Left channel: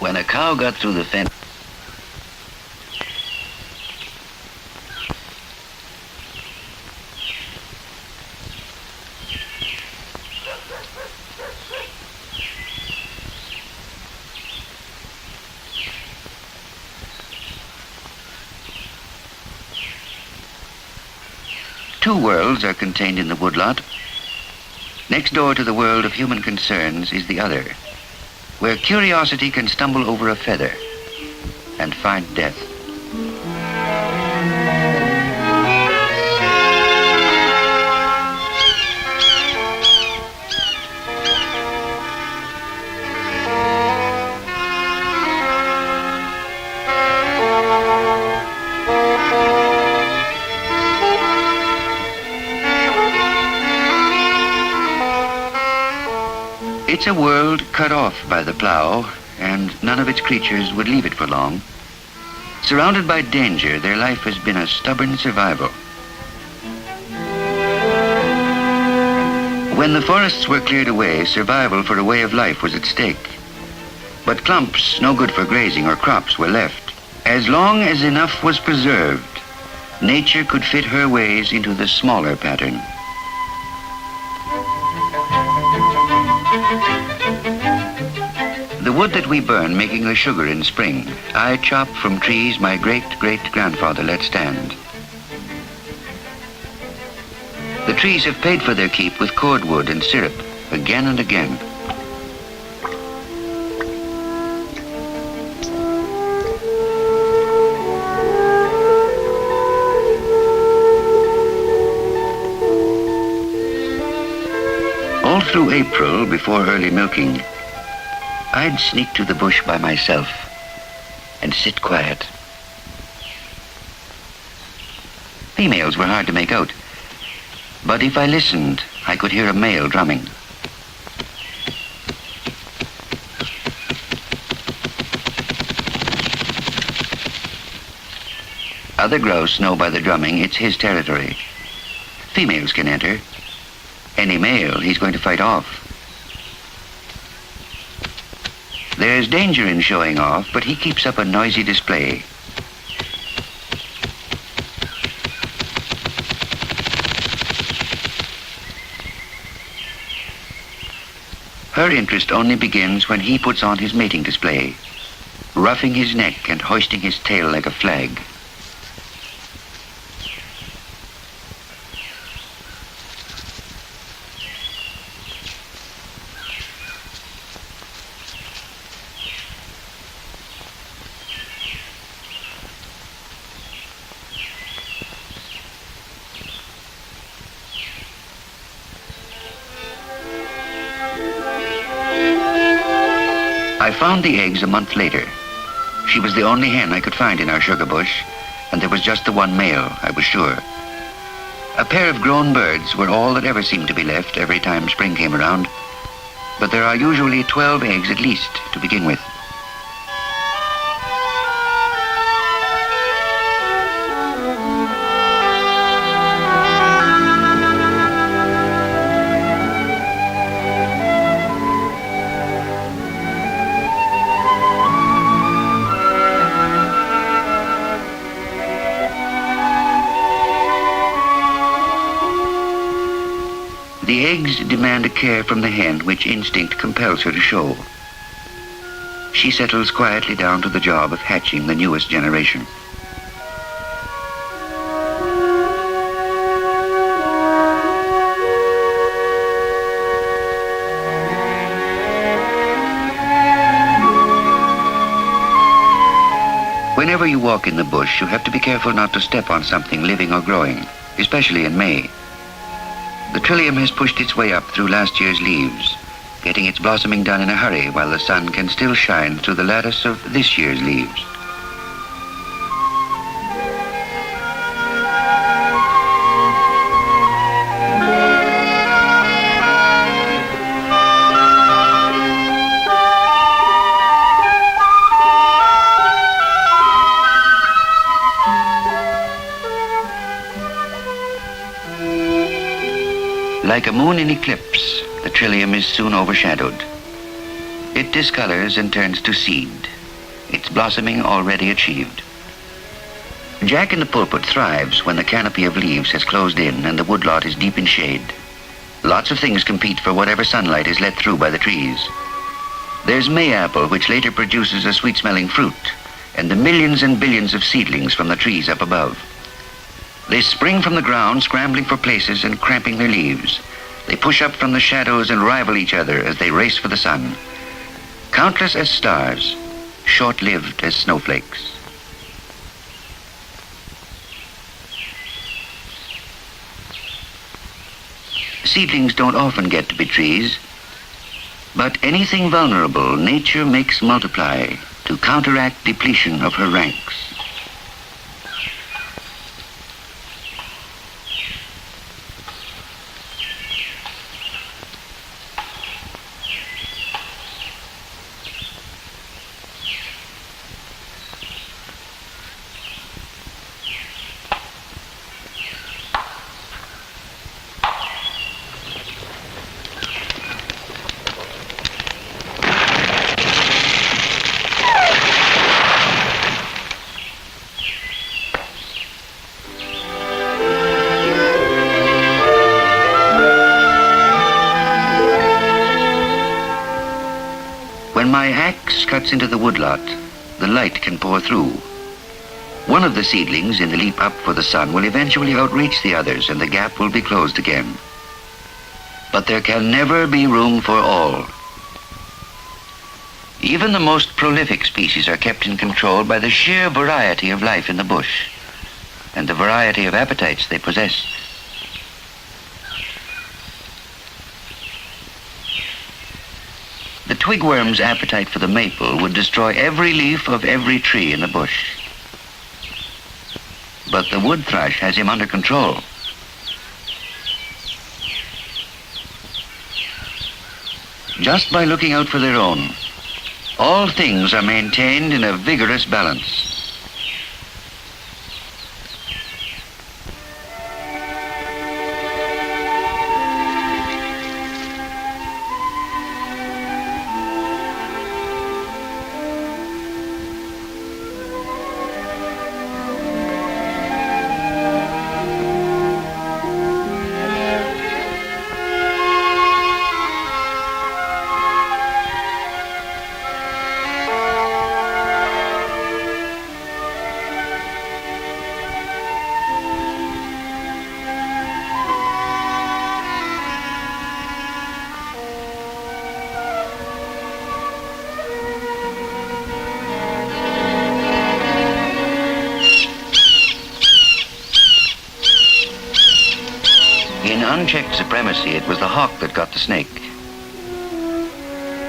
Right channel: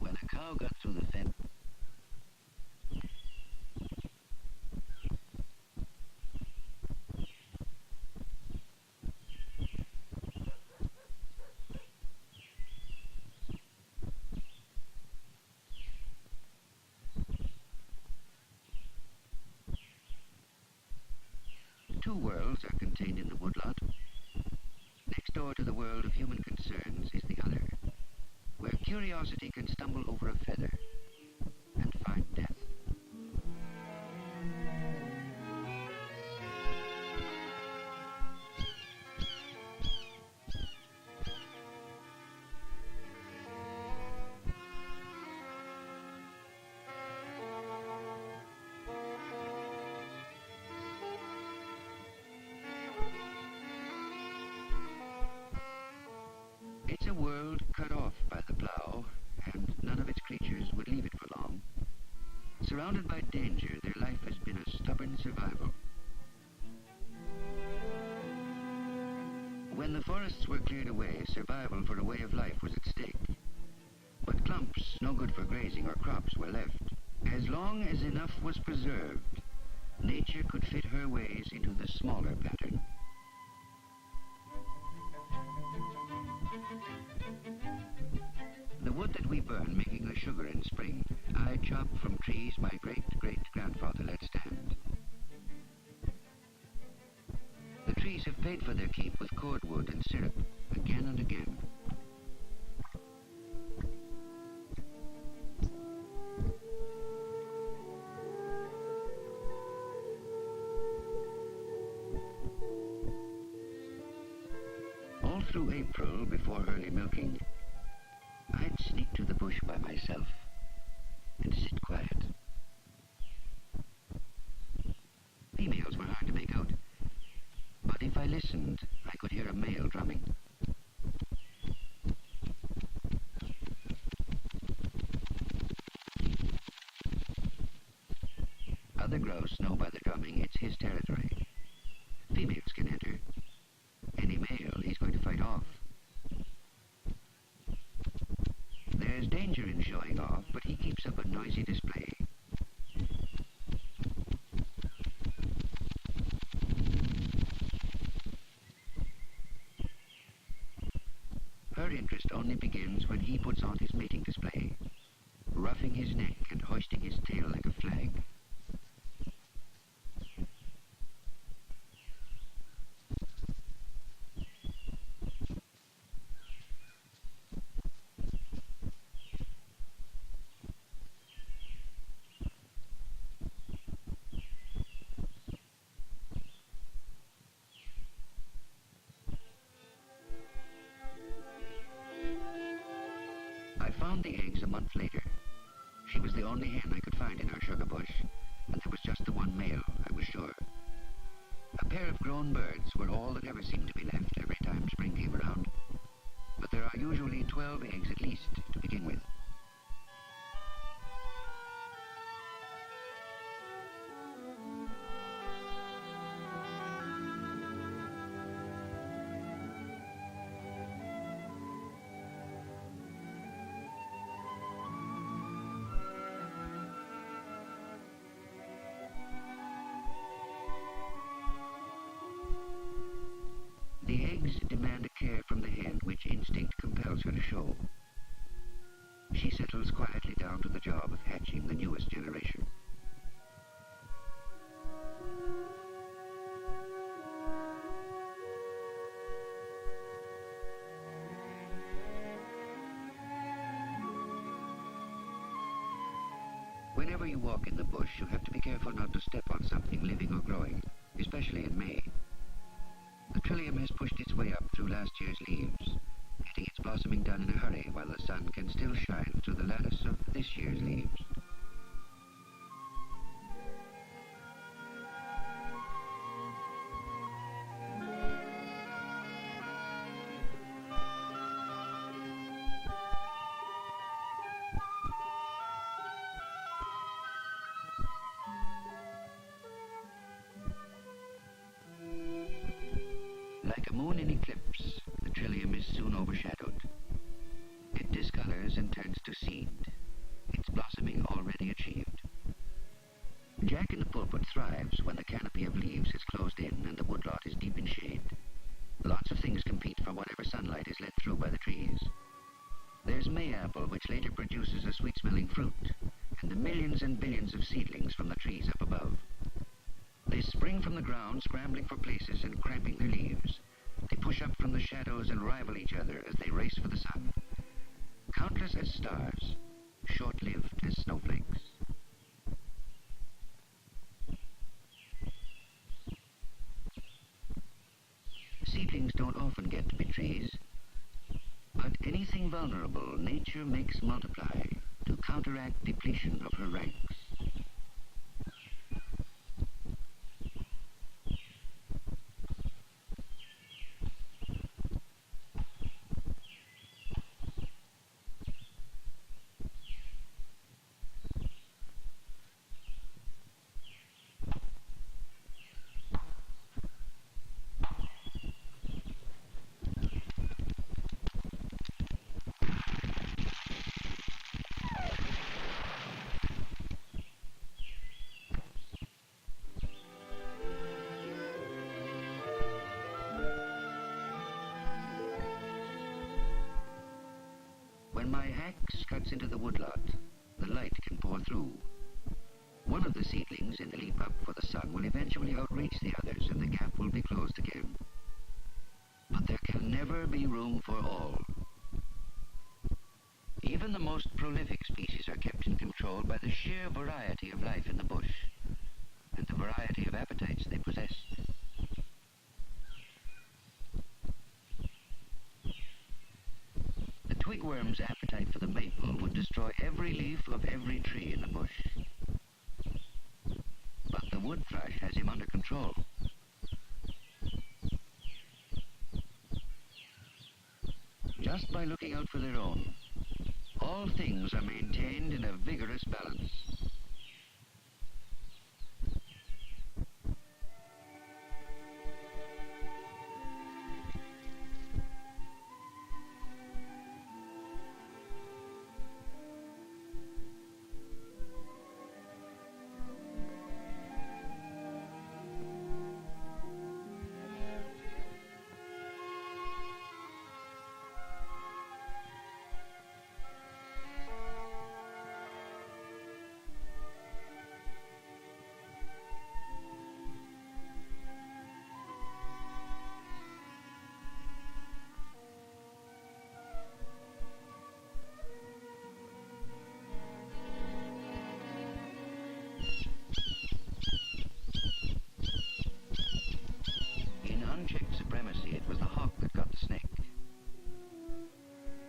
When a cow got through the fence, two worlds are contained in the woodlot. Next door to the world of human concerns is the other, where curiosity can stumble over a feather and find death. It's a world cut off by the plow, and none of its creatures would leave it for long. Surrounded by danger, their life has been a stubborn survival. When the forests were cleared away, survival for a way of life was at stake. But clumps, no good for grazing or crops, were left. As long as enough was preserved, nature could fit her ways into the smaller pattern. The wood that we burn making the sugar in spring, I chop from trees my great-great-grandfather let stand. The trees have paid for their keep with cordwood and syrup, again and again. All through April, before early milking, I'd sneak to the bush by myself and sit quiet. Females were hard to make out, but if I listened, I could hear a male drumming. Other grouse know by the drumming it's his territory. Females can enter. Any male he's going to fight off. There's danger in showing off, but he keeps up a noisy display. Her interest only begins when he puts on his mating display, roughing his neck and hoisting his tail like a flag. I found the eggs a month later. She was the only hen I could find in our sugar bush, and there was just the one male, I was sure. A pair of grown birds were all that ever seemed to be left every time spring came around, but there are usually 12 eggs at least to begin with. The eggs demand a care from the hen which instinct compels her to show. She settles quietly down to the job of hatching the newest generation. Whenever you walk in the bush, you have to be careful not to step on something living or growing, especially in May. The trillium has pushed its way up through last year's leaves, getting its blossoming done in a hurry while the sun can still shine through the lattice of this year's leaves. Like a moon in eclipse, the trillium is soon overshadowed. It discolors and turns to seed, its blossoming already achieved. Jack in the pulpit thrives when the canopy of leaves has closed in and the woodlot is deep in shade. Lots of things compete for whatever sunlight is let through by the trees. There's mayapple, which later produces a sweet-smelling fruit, and the millions and billions of seedlings from the trees up above. They spring from the ground, scrambling for places and cramping their leaves. They push up from the shadows and rival each other as they race for the sun. Countless as stars, short-lived as snowflakes. Seedlings don't often get to be trees, but anything vulnerable nature makes multiply to counteract depletion of her ranks. When my axe cuts into the woodlot, the light can pour through. One of the seedlings in the leap up for the sun will eventually outreach the others and the gap will be closed again. But there can never be room for all. Even the most prolific species are kept in control by the sheer variety of life in the bush and the variety of appetites they possess. The twigworm's appetite for the maple would destroy every leaf of every tree in the bush. But the wood thrush has him under control. Just by looking out for their own, all things are maintained in a vigorous balance. In unchecked supremacy, it was the hawk that got the snake.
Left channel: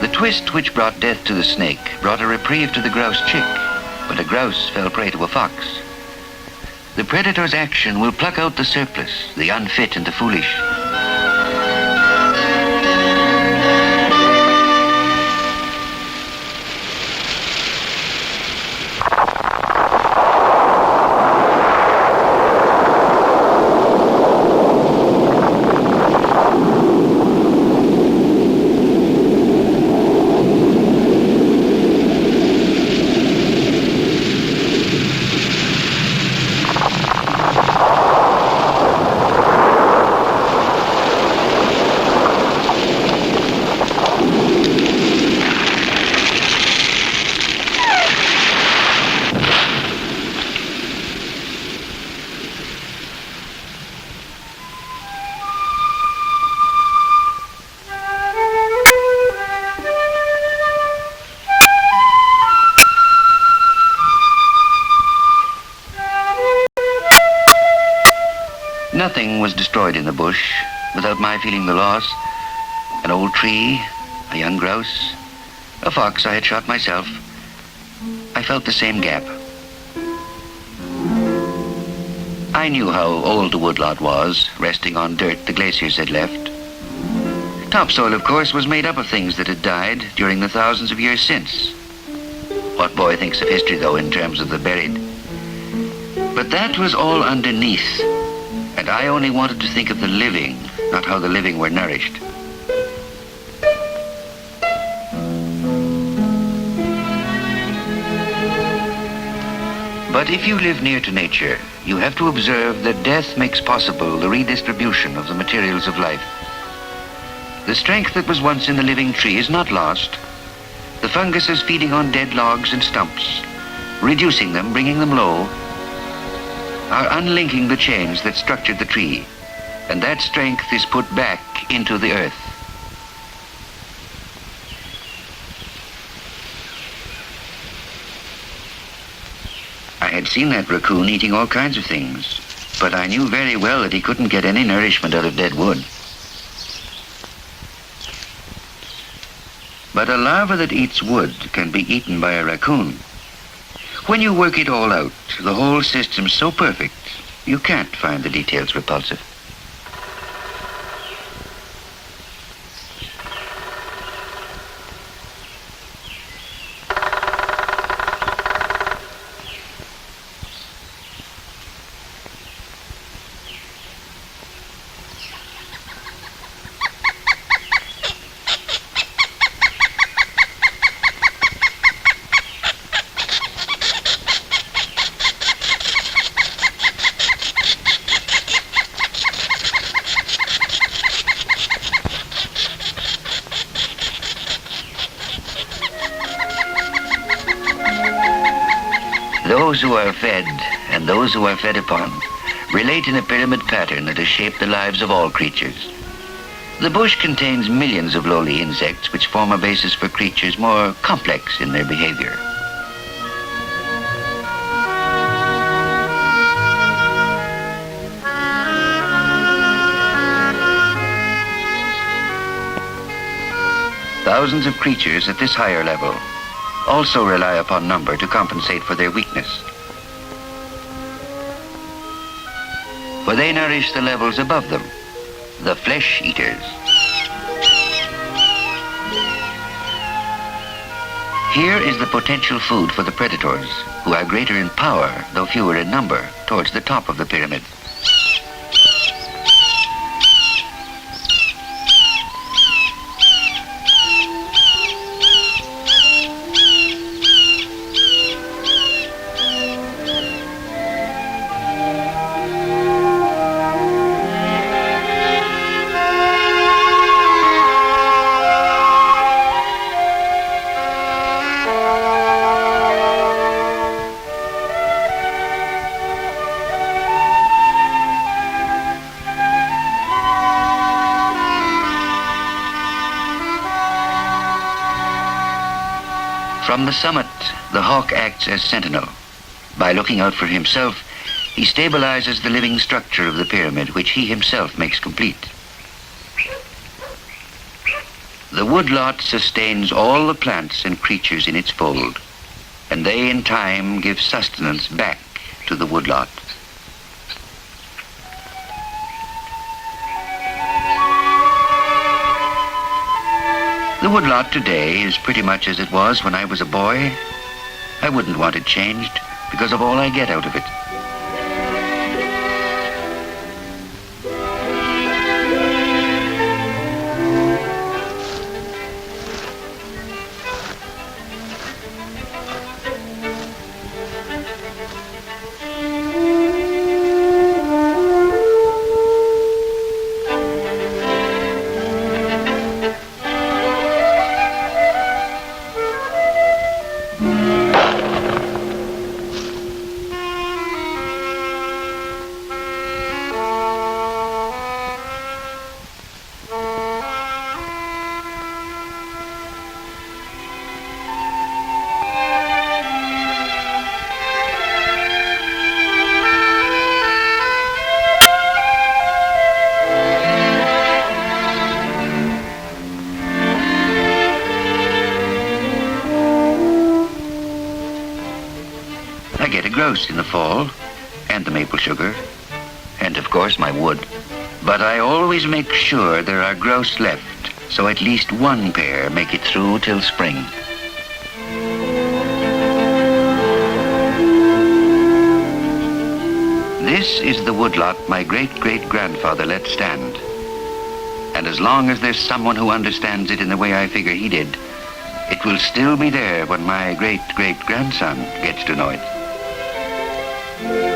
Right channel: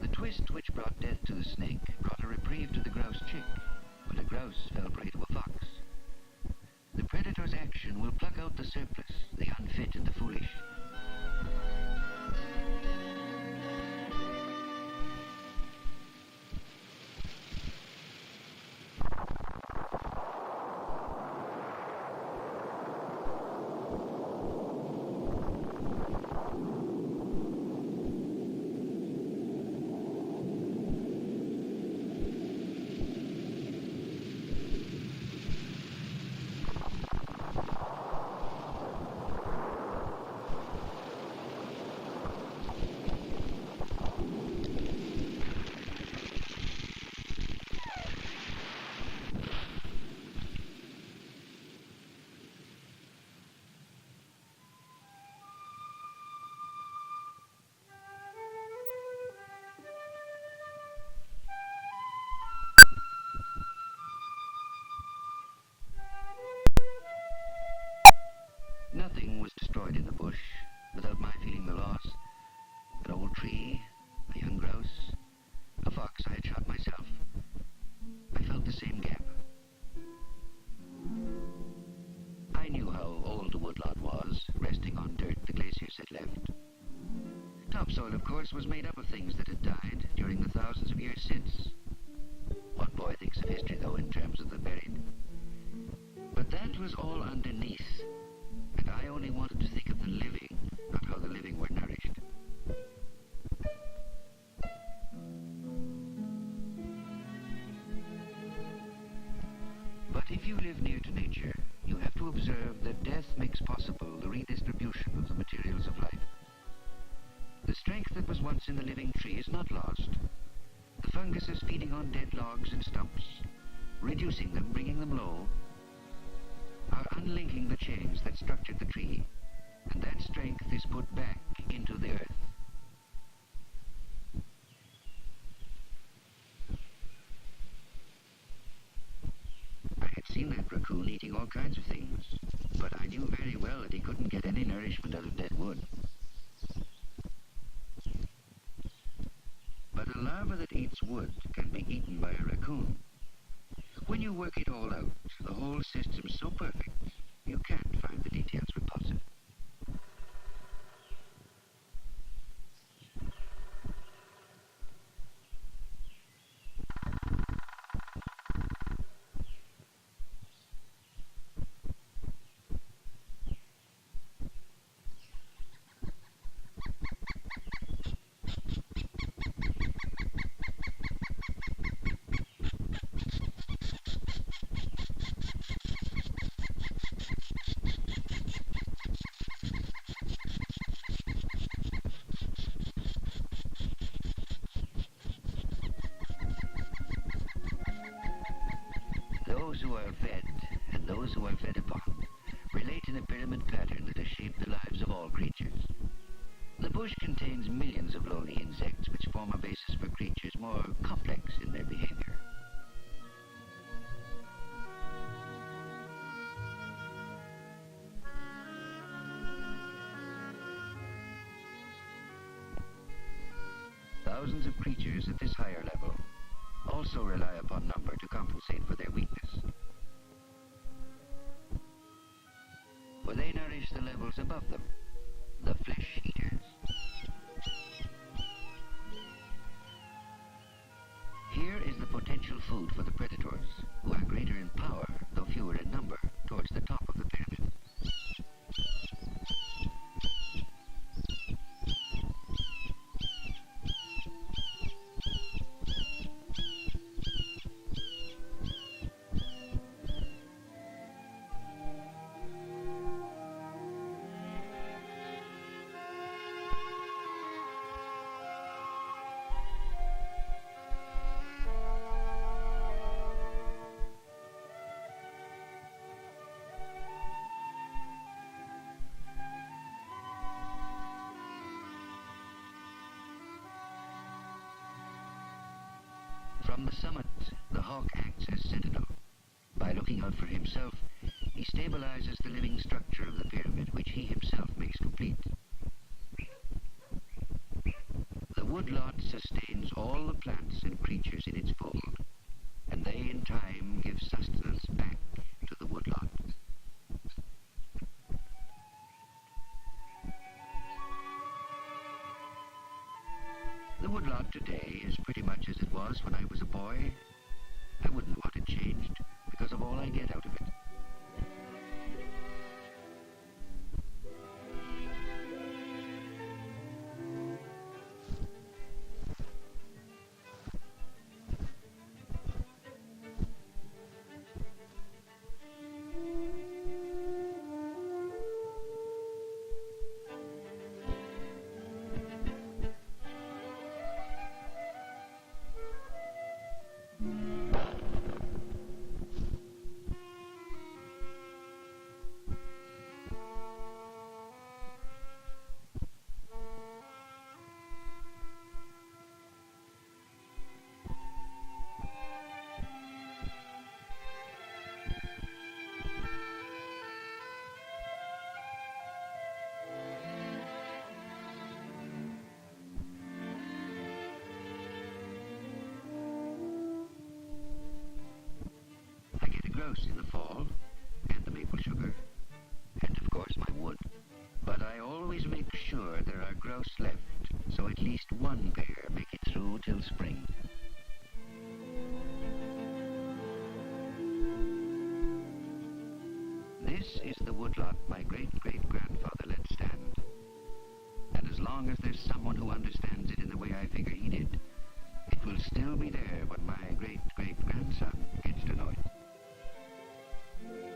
The twist which brought death to the snake brought a reprieve to the grouse chick, but a grouse fell prey to a fox. The predator's action will pluck out the surplus, the unfit and the foolish. Nothing was destroyed in the bush without my feeling the loss. An old tree, a young grouse, a fox I had shot myself. I felt the same gap. I knew how old the woodlot was, resting on dirt the glaciers had left. Topsoil, of course, was made up of things that had died during the thousands of years since. What boy thinks of history, though, in terms of the buried? But that was all underneath. And I only wanted to think of the living, not how the living were nourished. But if you live near to nature, you have to observe that death makes possible the redistribution of the materials of life. The strength that was once in the living tree is not lost. The funguses feeding on dead logs and stumps, reducing them, bringing them low, are unlinking the chains that structured the tree, and that strength is put back into the earth. I had seen that raccoon eating all kinds of things, but I knew very well that he couldn't get any nourishment out of dead wood. But a larva that eats wood can be eaten by a raccoon. When you work it all out, the whole system's so perfect, you can't find the details repulsive. Those who are fed and those who are fed upon relate in a pyramid pattern that has shaped the lives of all creatures. The bush contains millions of lowly insects which form a basis for creatures more complex in their behavior. Thousands of creatures at this higher level also rely upon number to compensate for their weakness. For they nourish the levels above them, the flesh eaters. Here is the potential food for the predators, who are greater in power, though fewer in number, towards the top of the pyramid. From the summit, the hawk acts as sentinel. By looking out for himself, he stabilizes the living structure of the pyramid, which he himself makes complete. The woodlot sustains all the plants and creatures in its fold, and they in time give sustenance back to the woodlot. The woodlot today is pretty much as it was when I was a boy. I wouldn't want it changed because of all I get out of it. I get a grouse in the fall, and the maple sugar, and of course my wood. But I always make sure there are grouse left, so at least one pair make it through till spring. This is the woodlot my great-great-grandfather let stand. And as long as there's someone who understands it in the way I figure he did, it will still be there when my great-great-grandson gets to know it.